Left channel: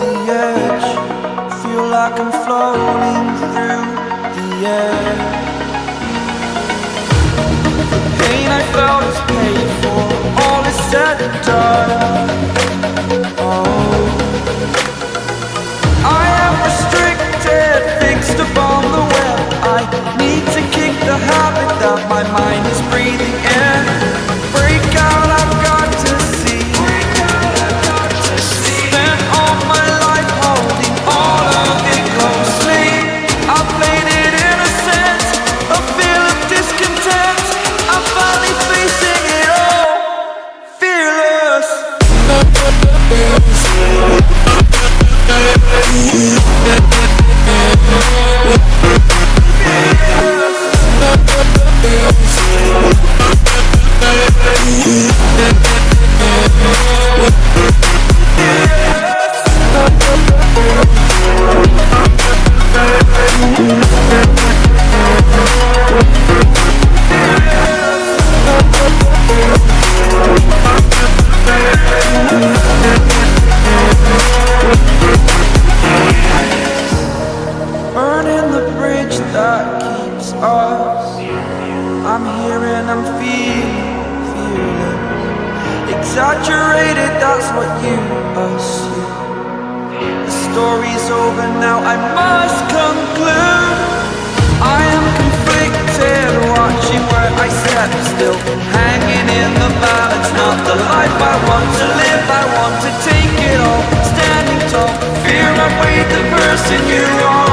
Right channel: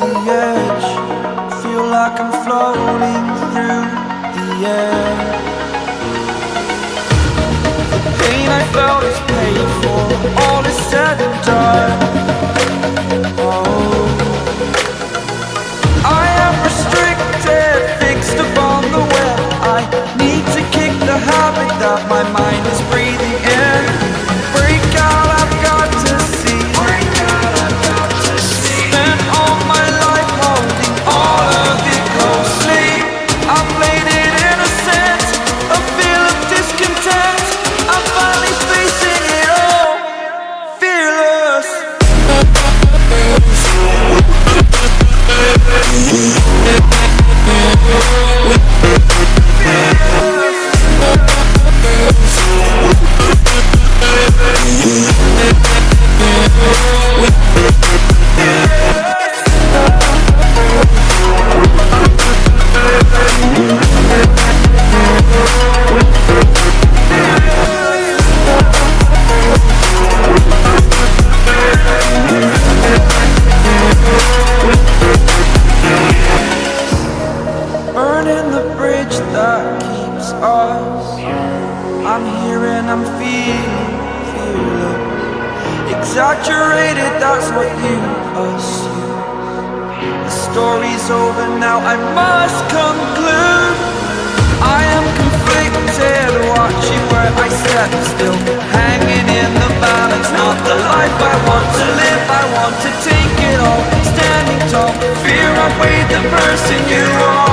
the edge, feel like I'm floating through the air. The pain I felt is paid for, all is said and done. Oh, I am restricted, fixed upon the web. I need to kick the habit that my mind is breathing in. Break out, I've got to see. Spent all my life holding all of it closely. I played it innocent, a feel of discontent. I'm finally facing it all, fearless. Burning the bridge that keeps us. I'm here and I'm feeling fearless. Exaggerated, that's what you assume. The story's over now, I must conclude. I am conflicted, watching where I step still, hanging in the balance. Not the life I want to live, I want to take it all. Standing tall, fear I weighed the person you are.